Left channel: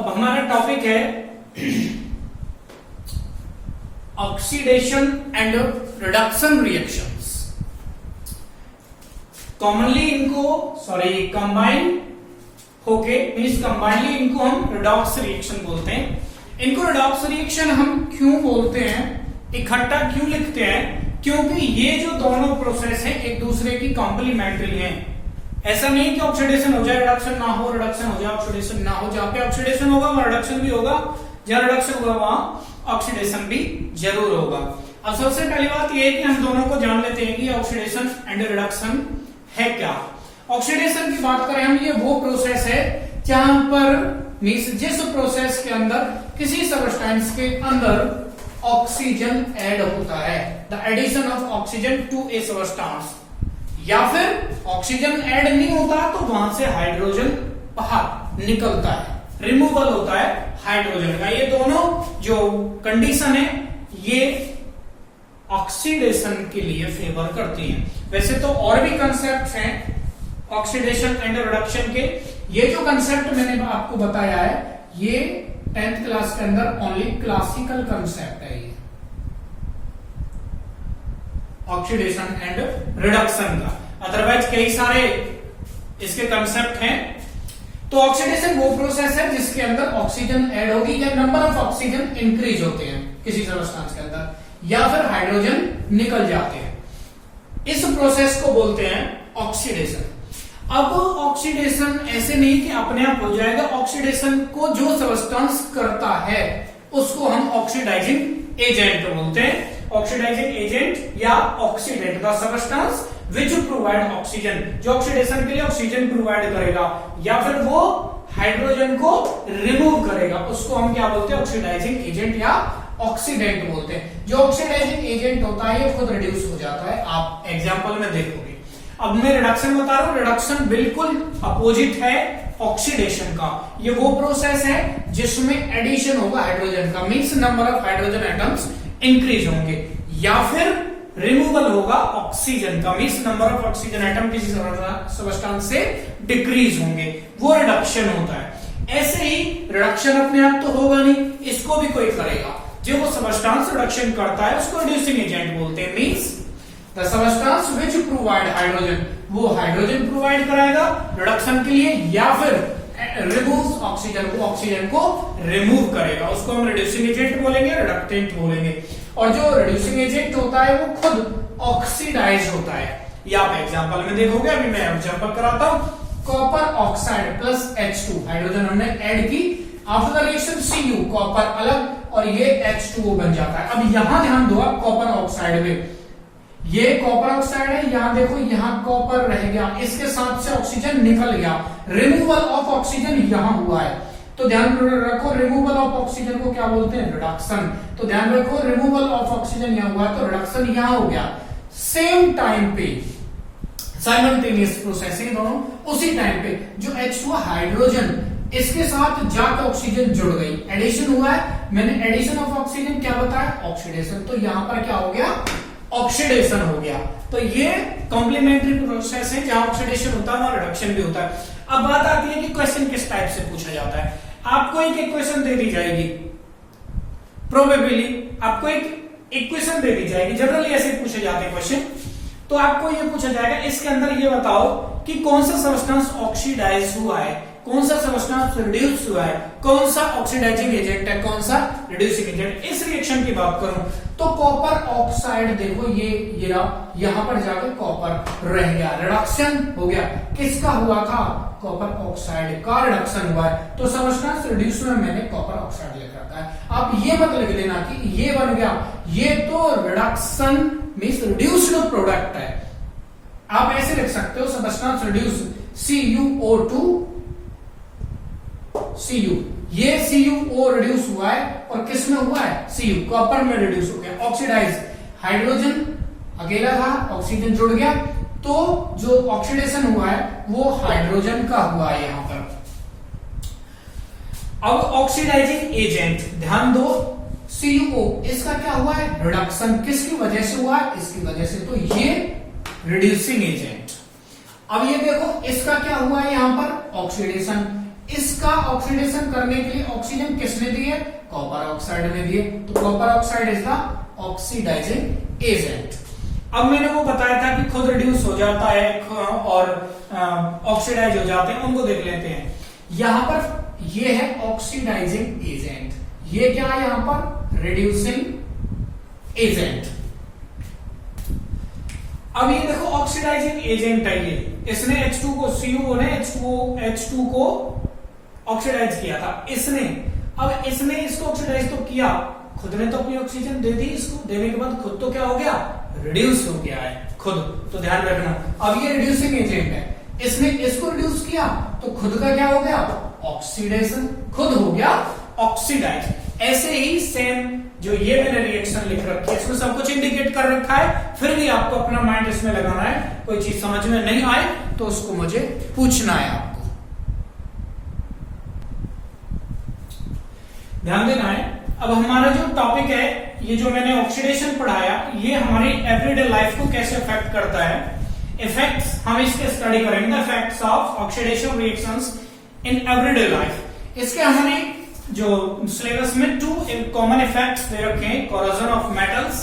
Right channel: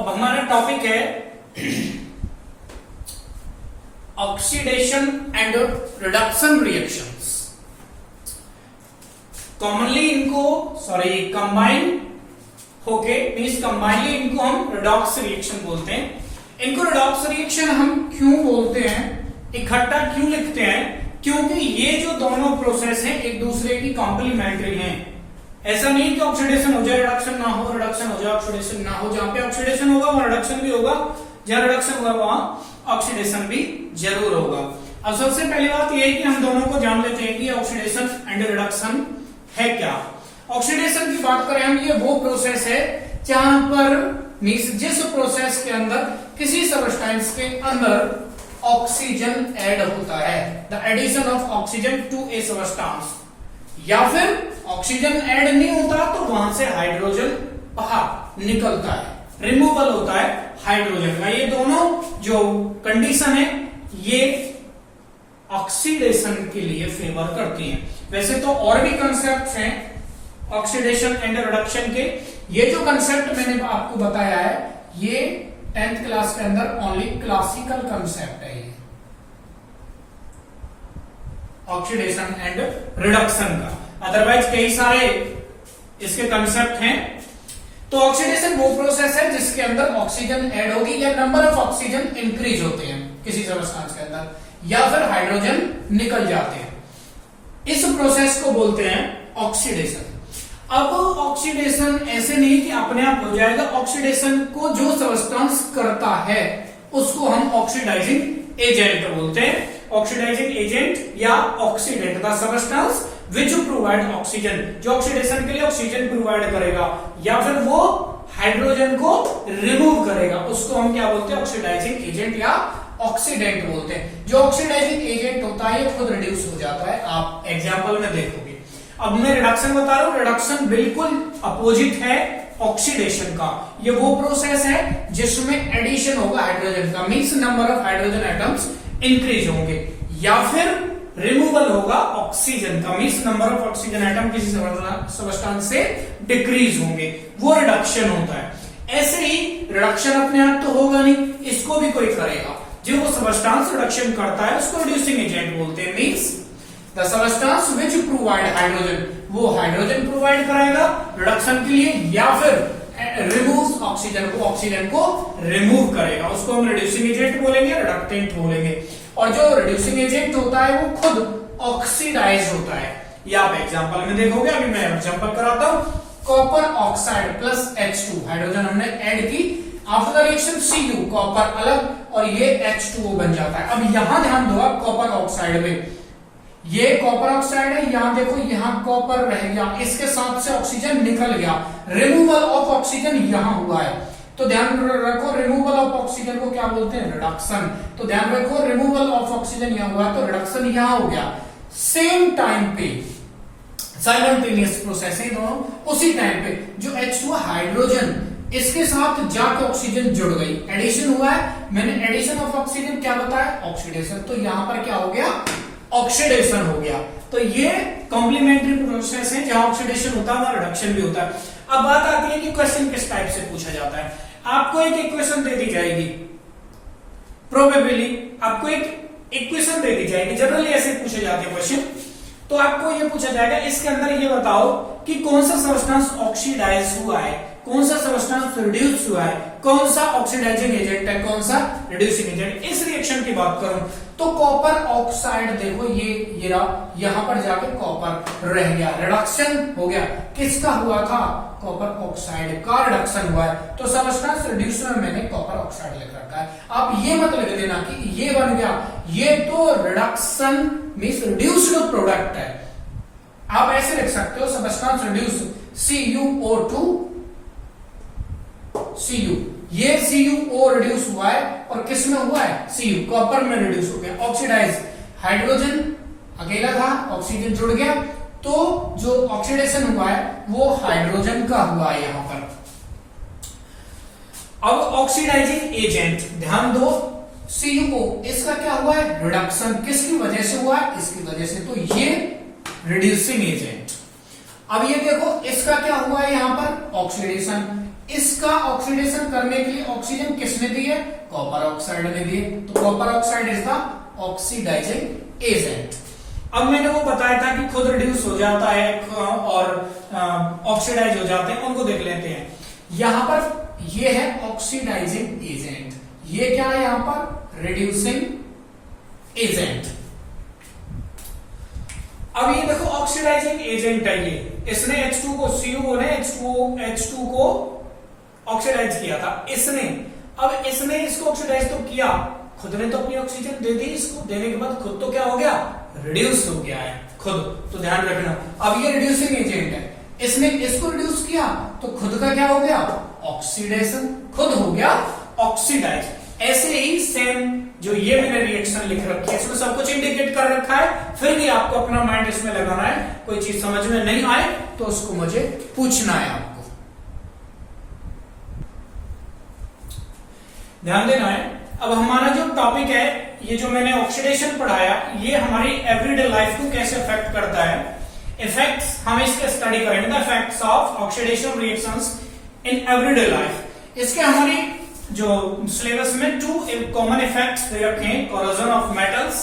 अब हमारा टॉपिक है oxidation and reduction reactions. Commonly इनको कंबाइन होके मींस कंबाइनली इनको हम रिडॉक्स रिएक्शन बोलते हैं। इनको रिडॉक्स रिएक्शन हम क्यों बोलते हैं, इकट्ठा क्यों लिखते हैं, क्योंकि ये जो दोनों प्रोसेस हैं एक दूसरे की कॉम्प्लीमेंट्री हैं। ऐसा नहीं कि ऑक्सीडेशन हो जाए रिडक्शन ना हो, रिडक्शन हो जाए ऑक्सीडेशन ना हो। जहां पे ऑक्सीडेशन होगा वहां रिडक्शन भी होगा, जहां रिडक्शन होगा वहां ऑक्सीडेशन भी जरूर होगा। अब सबसे पहली बात यह है कि हम दोनों को जान लेते हैं कि ऑक्सीडेशन एंड रिडक्शन है क्या। ऑक्सीडेशन की बात करें हम, ये वो प्रोसेस है जहां पर मींस जिस प्रोसेस के अंदर किसी सब्सटेंस के अंदर ऑक्सीजन ऐड होता है, the addition of oxygen to a substance, या फिर ऑक्सीजन ऐड नहीं होता तो वहां से हाइड्रोजन बाहर निकलता है, रिमूवल होता है हाइड्रोजन का। ये दोनों जो कंडीशन है ये ऑक्सीडेशन के लिए फेवर करती हैं। वैसे तो और भी कंसेप्ट हैं ऑक्सीडेशन एंड रिडक्शन के। ये जो कंसेप्ट मैंने आपको बताया है ये 10th क्लास के अंदर ओनली क्लासिकल कंसेप्ट है, ये ऑक्सीडेशन एंड रिडक्शन का। अदरवाइज कई सारे इसके कंसेप्ट हैं। तो ऑक्सीडेशन वो प्रोसेस है जिसके अंदर ऑक्सीजन ऐड होगी या नंबर ऑफ ऑक्सीजन इंक्रीज होते हैं किसी सब्सटेंस के अंदर, या फिर हाइड्रोजन निकल जाते हैं। इस प्रोसेस को बोलते हैं ऑक्सीडेशन। अब ऑक्सीडेशन ऐसे नहीं कि अपने आप हो जाएगा, ऑक्सीडेशन को जो सब्सटेंस करता है उसको हम ऑक्सीडाइजिंग एजेंट बोलते हैं। ऑक्सीडाइजिंग एजेंट या oxidant the substance which provide oxygen, जो ऑक्सीडेशन के लिए ऑक्सीजन प्रोवाइड करेगा या फिर वो हाइड्रोजन को रिमूव करेगा, उसको हम क्या बोलते हैं ऑक्सीडाइजिंग एजेंट या ऑक्सीडेंट बोलते हैं। जो ऑक्सीडाइजिंग एजेंट होता है ये खुद रिड्यूस हो जाता है, आप एग्जांपल में देखोगे। अब मैं रिडक्शन बता रहा हूं, रिडक्शन बिल्कुल अपोजिट है ऑक्सीडेशन का। ये वो प्रोसेस है जिसमें एडिशन होगा हाइड्रोजन का, means number of hydrogen atoms increase होंगे, या फिर रिमूवल होगा ऑक्सीजन का, means number of oxygen atom किसी सब्सटेंस से डिक्रीज होंगे, वो रिडक्शन होता है। ऐसे ही रिडक्शन अपने आप तो होगा नहीं, इसको भी कोई करेगा। जो वो सब्सटेंस रिडक्शन करता है उसको रिड्यूसिंग एजेंट बोलते हैं, means the substance which provide hydrogen, वो हाइड्रोजन प्रोवाइड कराएगा रिडक्शन के लिए, या फिर रिमूव ऑक्सीजन, वो ऑक्सीजन को रिमूव करेगा, उसको हम रिड्यूसिंग एजेंट बोलेंगे, रिडक्टेंट बोलेंगे। और जो रिड्यूसिंग एजेंट होता है वो खुद ऑक्सीडाइज होता है। ये आप एग्जांपल में देखोगे, अभी मैं एग्जांपल कराता हूं। Copper oxide plus H2, hydrogen हमने ऐड की, after the reaction Cu, copper अलग और ये H2O बन जाता है। अब यहां ध्यान दो आप कॉपर ऑक्साइड में, ये कॉपर ऑक्साइड है, यहां देखो यहां कॉपर रह गया, इसके साथ से ऑक्सीजन निकल गया, रिमूवल ऑफ ऑक्सीजन यहां हुआ है। तो ध्यान रखो रिमूवल ऑफ ऑक्सीजन को क्या बोलते हैं, रिडक्शन। तो ध्यान रखो रिमूवल ऑफ ऑक्सीजन यहां हुआ तो रिडक्शन यहां हो गया। सेम टाइम पे साइमल्टेनियस प्रोसेस है दोनों, उसी टाइम पे जो H2 हाइड्रोजन इसके साथ जाके ऑक्सीजन जुड़ गई, एडिशन हुआ है। मैंने एडिशन ऑफ ऑक्सीजन क्या बताया, ऑक्सीडेशन। तो यहां पर क्या हो गया, ऑक्सीडेशन हो गया। तो ये कॉम्प्लीमेंट्री प्रोसेस है, जहां ऑक्सीडेशन होता है वहां रिडक्शन भी होता है। अब बात आती है कि क्वेश्चन किस टाइप से पूछा जाता है। आपको एक इक्वेशन दे दी जाएगी, प्रोबेबली आपको एक इक्वेशन दे दी जाएगी, जनरली ऐसे पूछे जाते हैं क्वेश्चन। तो आपको ये पूछा जाएगा इसके अंदर ये बताओ कि कौन सा सब्सटेंस ऑक्सीडाइज हुआ है, कौन सा सब्सटेंस रिड्यूस हुआ है, कौन सा ऑक्सीडाइजिंग एजेंट है, कौन सा रिड्यूसिंग एजेंट। इस रिएक्शन की बात करूं तो कॉपर ऑक्साइड देखो ये यहां पर जाकर कॉपर रह गया, रिडक्शन हो गया। किसका हुआ था, कॉपर ऑक्साइड का रिडक्शन हुआ है। तो सब्सटेंस रिड्यूस में मैंने कॉपर ऑक्साइड लिख रखा है। आप ये मत लिख देना कि ये बन गया, ये तो रिडक्शन मींस रिड्यूस्ड प्रोडक्ट है। आप ऐसे लिख सकते हो सब्सटेंस रिड्यूस CuO2 Cu, ये CuO रिड्यूस हुआ है और किस में हुआ है, Cu कॉपर में रिड्यूस हो गया। ऑक्सीडाइज हाइड्रोजन अकेला था, ऑक्सीजन जुड़ गया, तो जो ऑक्सीडेशन हुआ है वो हाइड्रोजन का हुआ है यहां पर। अब ऑक्सीडाइजिंग एजेंट ध्यान दो, CuO इसका क्या हुआ है, रिडक्शन। किसकी वजह से हुआ है, इसकी वजह से, तो ये रिड्यूसिंग एजेंट। अब ये देखो इसका क्या हुआ है यहां पर, ऑक्सीडेशन। इसका ऑक्सीडेशन करने के लिए ऑक्सीजन किसने दी है? कॉपर ऑक्साइड ने दी है। तो copper oxide is the oxidising agent. अब मैंने वो बताया था कि खुद रिड्यूस हो जाता है और ऑक्सीडाइज हो जाते हैं, उनको देख लेते हैं। यहां पर ये है ऑक्सीडाइजिंग एजेंट, ये क्या है यहां पर? Reducing agent. अब ये देखो ऑक्सीडाइजिंग एजेंट है ये, इसने H2 को CO ने H2 को ऑक्सीडाइज किया था इसने। अब इसने इसको ऑक्सीडाइज तो किया, खुद ने तो अपनी ऑक्सीजन दे दी, इसको देने के बाद खुद तो क्या हो गया? रिड्यूस हो गया है खुद। तो ध्यान रखना, अब ये रिड्यूसिंग एजेंट है, इसने इसको रिड्यूस किया तो खुद का क्या हो गया? ऑक्सीडेशन, खुद हो गया ऑक्सीडाइज। ऐसे ही सेम जो ये मैंने रिएक्शन लिख रखी है इसमें सब कुछ इंडिकेट कर रखा है, फिर भी आपको अपना माइंड इसमें लगाना है। कोई चीज समझ में नहीं आए तो उसको मुझे पूछना है, आपको ध्यान देना है। अब हमारा जो टॉपिक है, ये जो मैंने ऑक्सीडेशन पढ़ाया, ये हमारी एवरीडे लाइफ को कैसे अफेक्ट करता है। इफेक्ट्स हम इसके स्टडी करेंगे, the effects of oxidation reactions in everyday life. इसके हमारी जो सिलेबस में 2 कॉमन इफेक्ट्स दे रखे हैं, corrosion of metals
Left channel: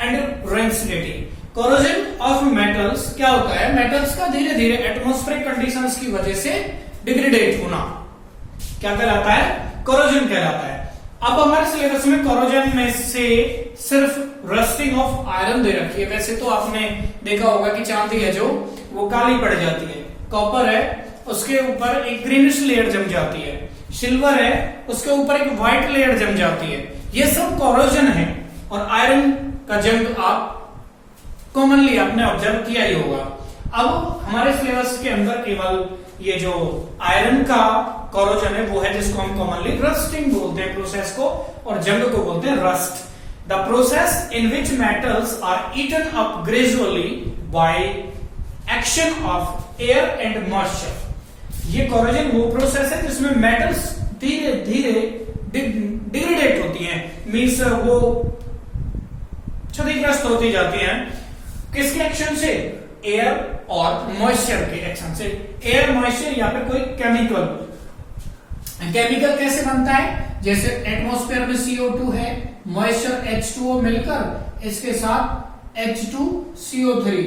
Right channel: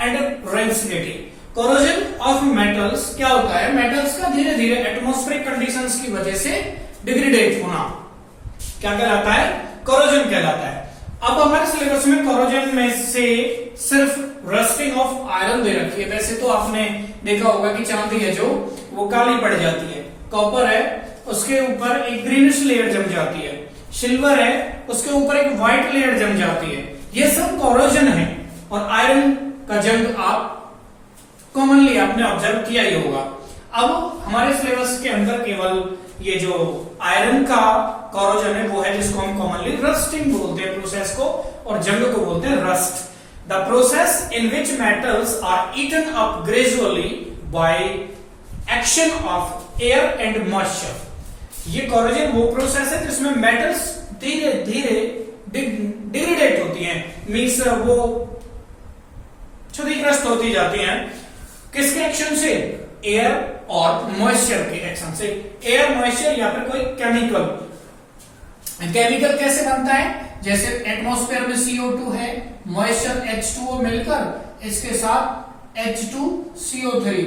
and rancidity. Corrosion of metals क्या होता है? मेटल्स का धीरे धीरे एटमॉस्फेरिक कंडीशंस की वजह से डिग्रेडेट होना क्या कहलाता है? कोरोजन कहलाता है। अब हमारे सिलेबस में कोरोजन में से सिर्फ रस्टिंग ऑफ आयरन दे रखी है। वैसे तो आपने देखा होगा कि चांदी है जो वो काली पड़ जाती है, कॉपर है उसके ऊपर एक ग्रीनिश लेयर जम जाती है, सिल्वर है उसके ऊपर एक व्हाइट लेयर जम जाती है, ये सब कोरोजन है। और आयरन का जंग आप कॉमनली आपने ऑब्जर्व किया ही होगा। अब हमारे सिलेबस के अंदर केवल ये जो आयरन का कोरोजन है वो है जिसको हम कॉमनली रस्टिंग बोलते हैं प्रोसेस को, और जंग को बोलते हैं rust. The process in which metals are eaten up gradually by action of air and moisture. ये कोरोजन वो प्रोसेस है जिसमें मेटल्स धीरे धीरे डिग्रेडेट होती हैं, मीन्स वो क्षतिग्रस्त होती जाती हैं। किसके एक्शन से? एयर और मॉइस्चर के एक्शन से। एयर, मॉइस्चर या फिर कोई केमिकल। केमिकल कैसे बनता है? जैसे एटमॉस्फेयर में CO2 है, मॉइस्चर H2O मिलकर इसके साथ H2CO3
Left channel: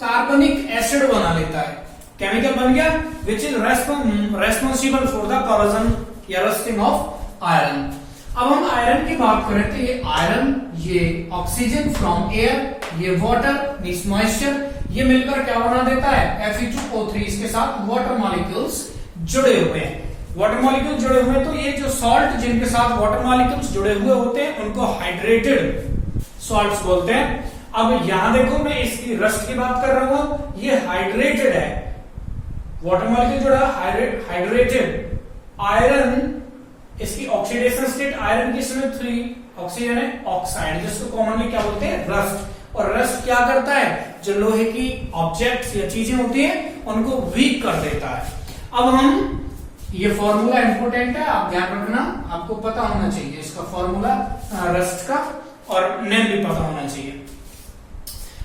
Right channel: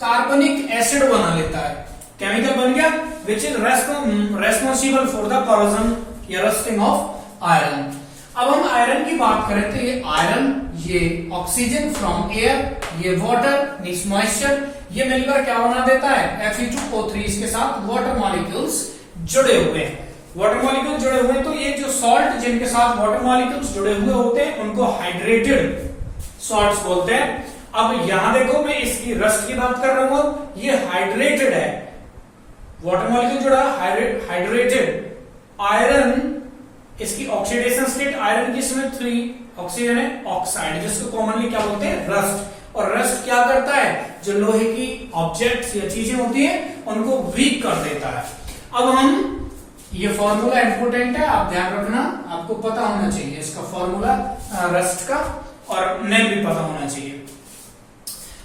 कार्बनिक एसिड बना लेता है, केमिकल बन गया, which is responsible for the corrosion या रस्टिंग ऑफ आयरन। अब हम आयरन की बात करें तो ये आयरन, ये ऑक्सीजन फ्रॉम एयर, ये वाटर मींस मॉइस्चर, ये मिलकर क्या बना देता है? Fe2O3, इसके साथ वाटर मॉलिक्यूल्स जुड़े हुए हैं। वाटर मॉलिक्यूल जुड़े हुए हैं तो ये जो सॉल्ट जिनके साथ वाटर मॉलिक्यूल्स जुड़े हुए होते हैं उनको हाइड्रेटेड सॉल्ट्स बोलते हैं। अब यहां देखो मैं इसकी रस्ट की बात कर रहा हूं, ये हाइड्रेटेड है, वाटर मॉलिक्यूल जुड़ा हाइड्रेटेड। आयरन, इसकी ऑक्सीडेशन स्टेट आयरन की इसमें 3, ऑक्सीजन है ऑक्साइड, जिसको कॉमनली क्या बोलते हैं? रस्ट। और रस्ट क्या करता है? जो लोहे की ऑब्जेक्ट्स या चीजें होती हैं उनको वीक कर देता है। अब हम, ये फॉर्मूला इंपोर्टेंट है, आप ध्यान रखना, आपको पता होना चाहिए इसका फॉर्मूला रस्ट का, और नेम भी पता होना चाहिए।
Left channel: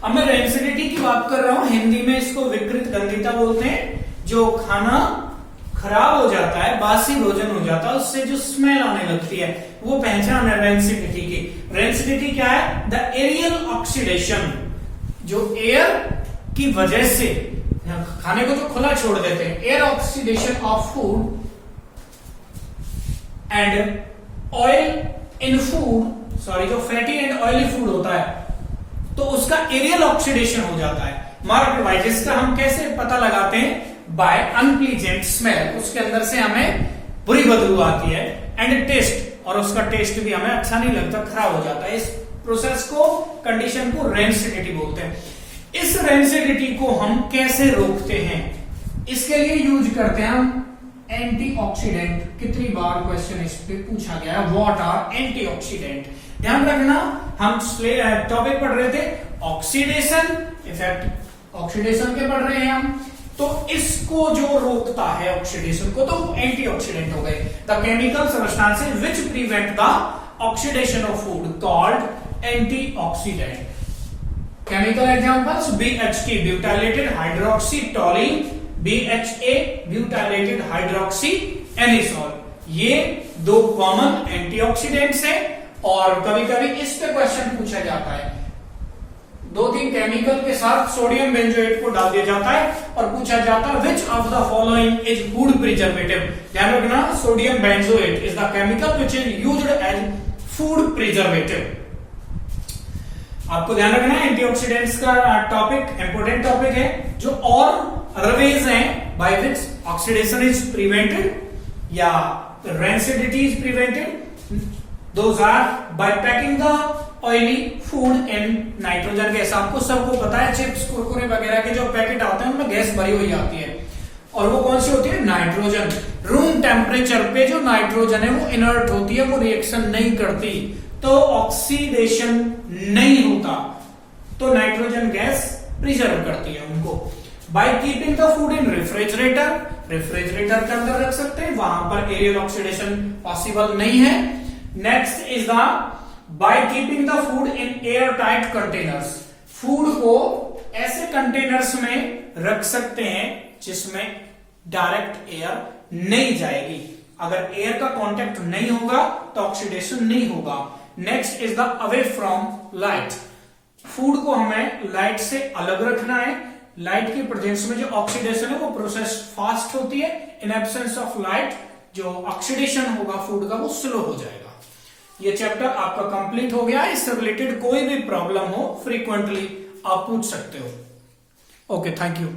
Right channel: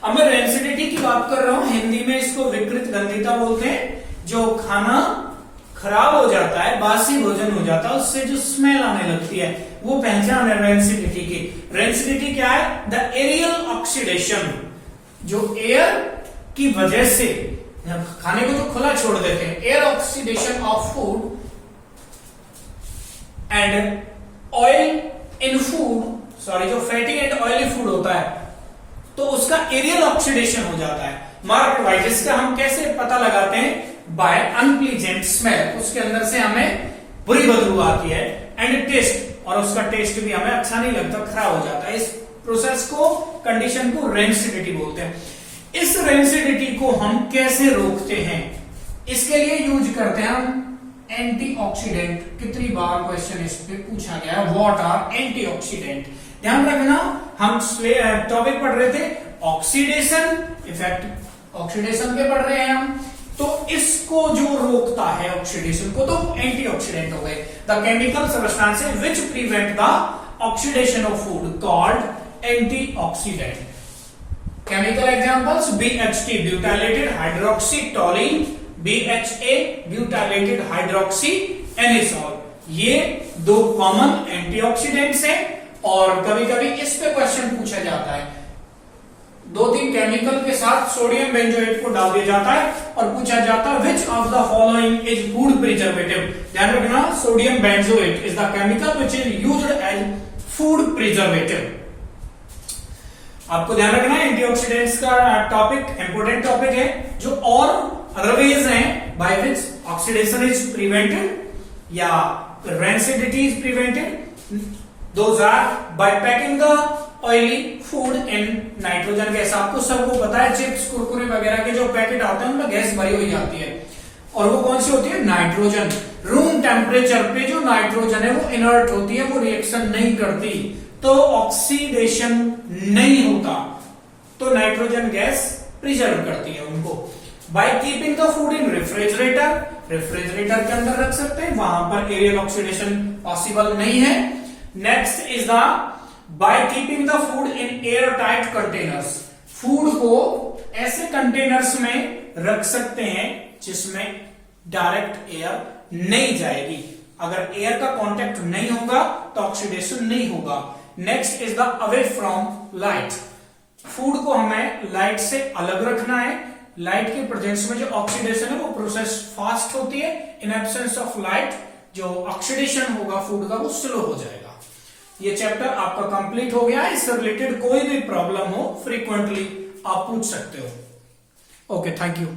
अब मैं रेंसिडिटी की बात कर रहा हूं, हिंदी में इसको विकृत गंधिता बोलते हैं। जो खाना खराब हो जाता है, बासी भोजन हो जाता है, उससे जो स्मेल आने लगती है वो पहचान है रेंसिडिटी की। रेंसिडिटी क्या है? द एरियल ऑक्सीडेशन, जो एयर की वजह से खाने को जो खुला छोड़ देते हैं, air oxidation of food and oil in food, sorry, जो फैटी एंड ऑयली फूड होता है तो उसका एरियल ऑक्सीडेशन हो जाता है। मार्क वाइज इसका हम कैसे पता लगाते हैं? बाय अनप्लीजेंट स्मेल, उसके अंदर से हमें बुरी बदबू आती है, एंड टेस्ट, और उसका टेस्ट भी हमें अच्छा नहीं लगता, खराब हो जाता है। इस प्रोसेस को, कंडीशन को रेंसिडिटी बोलते हैं। इस रेंसिडिटी को हम कैसे रोकते हैं? इसके लिए यूज करते हैं हम एंटीऑक्सीडेंट। कितनी बार क्वेश्चन इस पे पूछा गया, व्हाट आर एंटीऑक्सीडेंट? ध्यान रखना, हम टॉपिक पढ़ रहे थे ऑक्सीडेशन इफेक्ट, ऑक्सीडेशन के पढ़ रहे हैं हम, तो इसको जो रोकता है ऑक्सीडेशन को तो एंटीऑक्सीडेंट हो गए। The chemical substances which prevent the oxidation of food called antioxidant. Chemical examples BHT, butylated hydroxy toluene BHA butylated hydroxy anisole. ये दो कॉमन एंटीऑक्सीडेंट्स हैं और कभी कभी इस पे क्वेश्चन पूछा जाता है। 2-3 केमिकल के साथ सोडियम बेंजोएट को डाल दिया जाता है और पूछा जाता है which of the following is food preservative. ध्यान रखना, sodium benzoate is the chemical which is used as food preservative. आपको ध्यान रखना है एंटीऑक्सीडेंट्स का टॉपिक इंपोर्टेंट टॉपिक है। जो और अदर वेज हैं by which oxidation is prevented या rancidity is prevented, those are by packing the oily food in nitrogen gas. आपको सबको पता है चिप्स कुरकुरे वगैरह के जो पैकेट आते हैं उनमें गैस भरी हुई आती है और वो कौन सी होती है? नाइट्रोजन। रूम टेम्परेचर पे जो नाइट्रोजन है वो इनर्ट होती है, वो रिएक्शन नहीं करती, तो ऑक्सीडेशन नहीं होता, तो नाइट्रोजन गैस प्रिजर्व करती है उनको। By keeping the food in refrigerator, refrigerator के अंदर रख सकते हैं, वहां पर एरियल ऑक्सीडेशन पॉसिबल नहीं है। Next is the by keeping the food in air tight containers. Food को ऐसे कंटेनर्स में रख सकते हैं जिसमें डायरेक्ट एयर नहीं जाएगी। अगर एयर का कांटेक्ट नहीं होगा तो ऑक्सीडेशन नहीं होगा। Next is the away from light. Food को हमें लाइट से अलग रखना है। लाइट की प्रेजेंस में जो ऑक्सीडेशन है वो प्रोसेस फास्ट होती है। इन एब्सेंस ऑफ लाइट जो ऑक्सीडेशन होगा फूड का वो स्लो हो जाएगा। ये चैप्टर आपका कंप्लीट हो गया। इससे रिलेटेड कोई भी प्रॉब्लम हो फ्रीक्वेंटली आप पूछ सकते हो। Okay, thank you.